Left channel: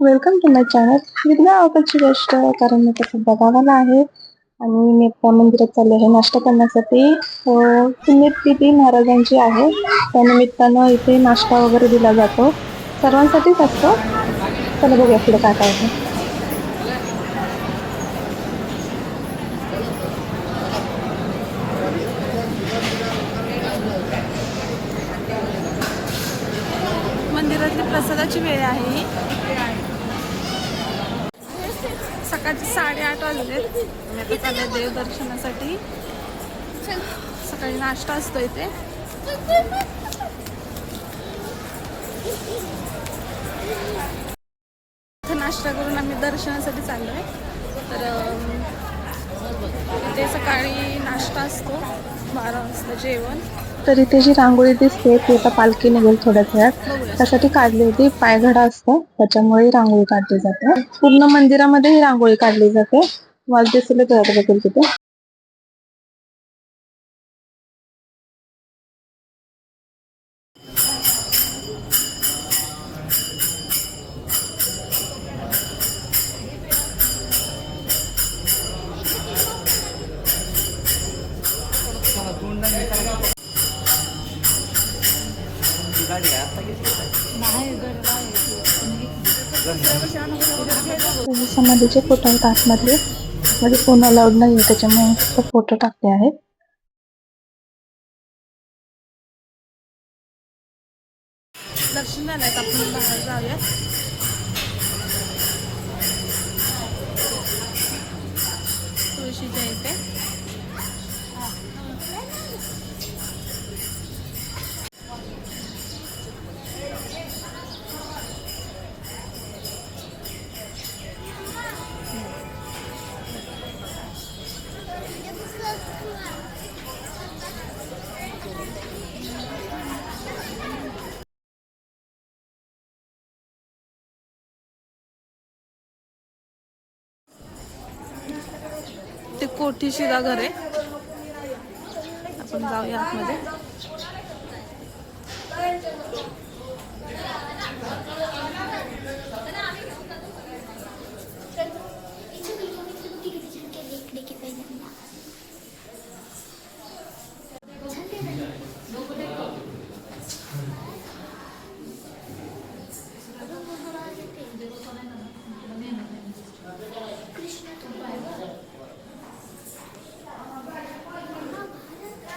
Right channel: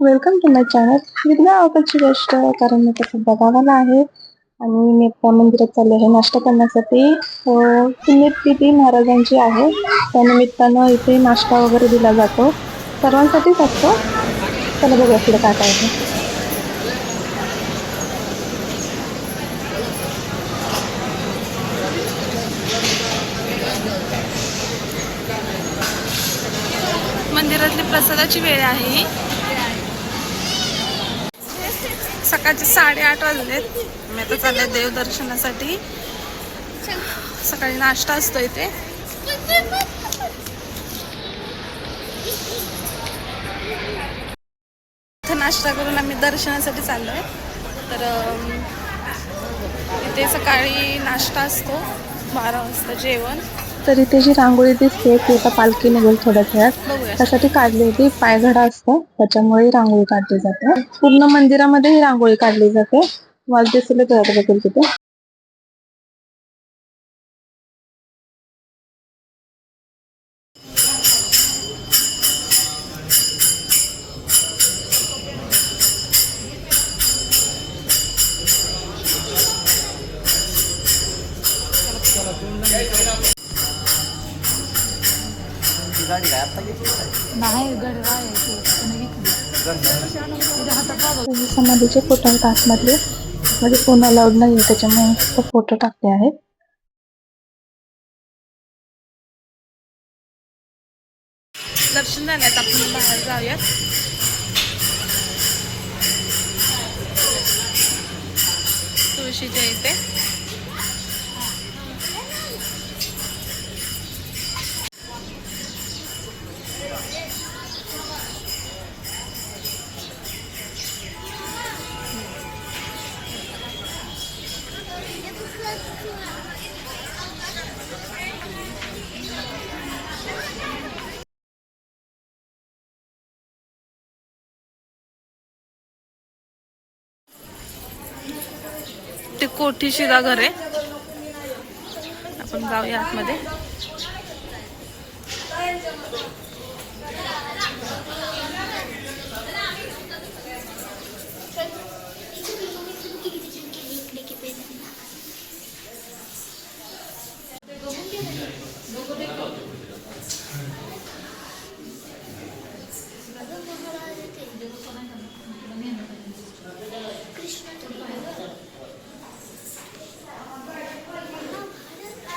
Welcome to my channel विज्ञा आवडची गोष्ट कारण मी तसं बघावाला आहे. आणि मी त्या मंदिरात चालले आहे. नाश्ता करण्यासाठी. पुण्यतिथी महाराजांची आहे. त्यानिमित्तानं इथे नाश्ता वगैरे दिला जातो. सर्वांसाठीच असतो. चला बघूया पुढे काय काय आहे. मंदिरातली प्रसादाची वेळ आहे ही सकाळचे साडेआठ वाजलेत. मी आता चालले देवदर्शनासाठी. सकाळी नाश्ता असतो इथे. नाश्ता करून आम्ही दर्शनासाठी चाललो आहे तर इथे सकाळी नाश्ता असतो बारा वाजता जेवण. तर इथे जी रांगोळी दिसते ती आता पालखी निघेल थोड्याच वेळात. त्यासाठी काढली होती पायघडा असतो त्याच्यामुळे ही रांगोळी काढली जाते. पूर्ण मंदिरामध्ये ही रांगोळी काढली जाते. मला दिसले तर बघेल तिथे. समाधीचे फोटो आहेत आतमधले म्हणजे फोन अलाउड नाही आहे त्याच्यामुळे फक्त फोटो टाकले आहेत दर्शन झाल्यात आपण बाहेर जाऊयात. तुळशीच्या इथे. ते कोठी शिदा घर आहे. आपण जाऊया आतमध्ये.